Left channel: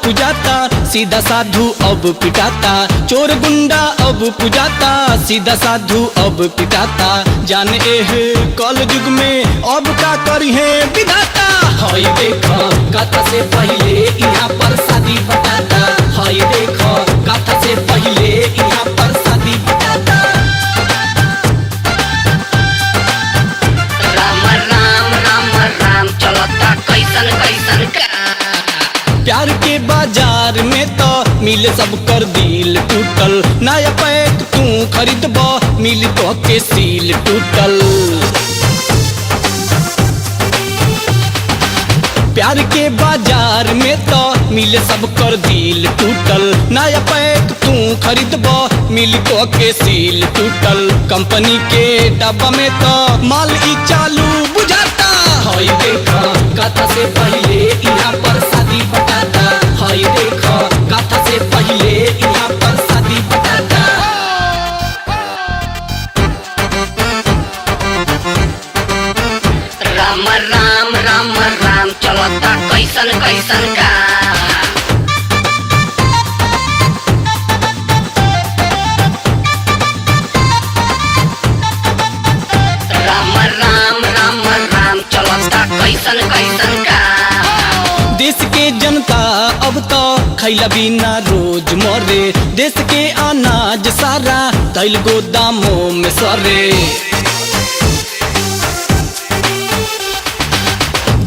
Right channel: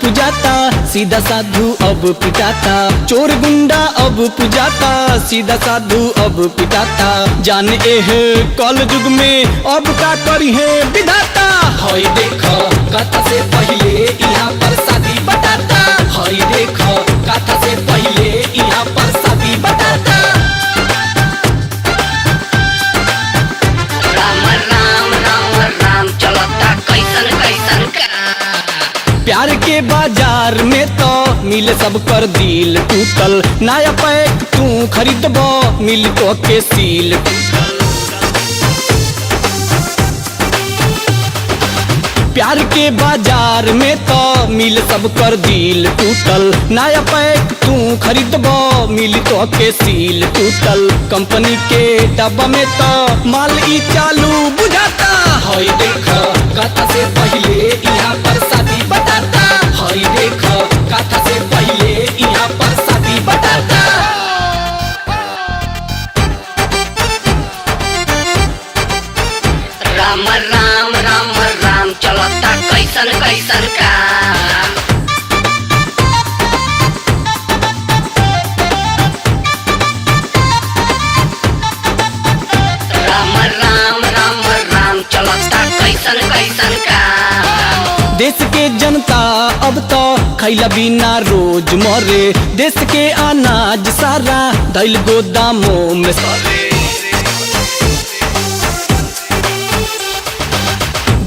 पूजाता, सीधा साधु अब पिटाता। चोर गुंडा अब पूजाता, सीधा साधु अब पिटाता। जाने है कल युग में अब का करी है विधाता। हई देखो कथा से पहले यहाँ पर शादी बटाता। हई देखो कथा से पहले यहाँ पर शादी बटाता। प्यार के बाजार में तो मिले सब कर दिल टूटल। नया पैक तू खरीदबो मिली तो के सील टूटल। प्यार के बाजार में तो मिले सब कर दिल टूटल। नया पैक तू खरीदबो मिली तो के सील टूटल। कंपनी के डब्बा में तो माल ही चालू बुझाता। हई देखो कथा से पहले यहाँ पर शादी बटाता। हई देखो कथा से पहले यहाँ पर शादी बटाता। देश की जनता अब तो खैला बिना रोज मरे। देश के अनाज सारा दैल गोदामों में सरे।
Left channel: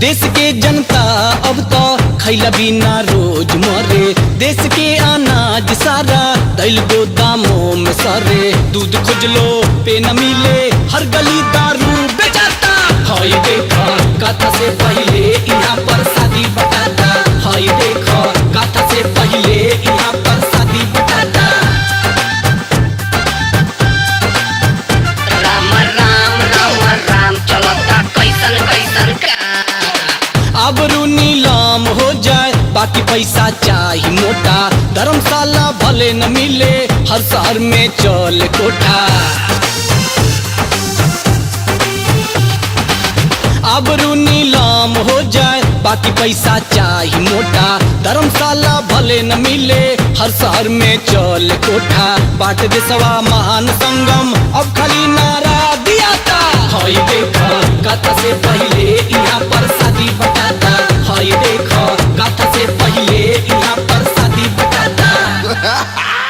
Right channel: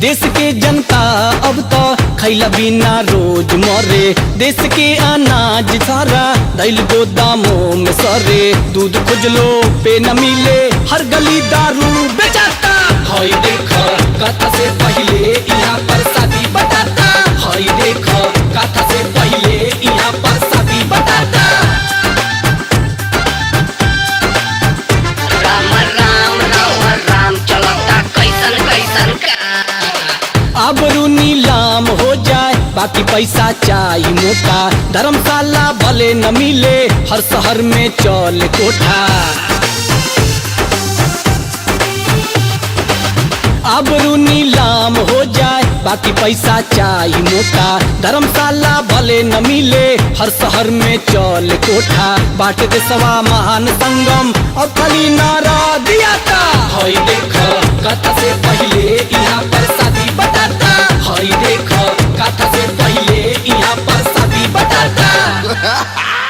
देश की जनता अब तो खैला बिना रोज मरे। देश के अनाज सारा दैल गोदामों में सरे। दूध खोज लो पे न मिले, हर गली दारू बेचाता। हई देखो कथा से पहले यहाँ पर शादी बटाता। हई देखो कथा से पहले यहाँ पर शादी बटाता। आबरू नीलाम हो जाए बाकी पैसा चाहिए मोटा। धर्मशाला भले न मिले, हर शहर में चले कोठा। आबरू नीलाम हो जाए बाकी पैसा चाहिए मोटा। धर्मशाला भले न मिले, हर शहर में चले कोठा। बाट देशवा महान संगम और खरी नारा दिया था। हई देखो कथा से पहले यहाँ पर शादी बटाता। हई देखो कथा से पहले यहाँ पर शादी बटाता।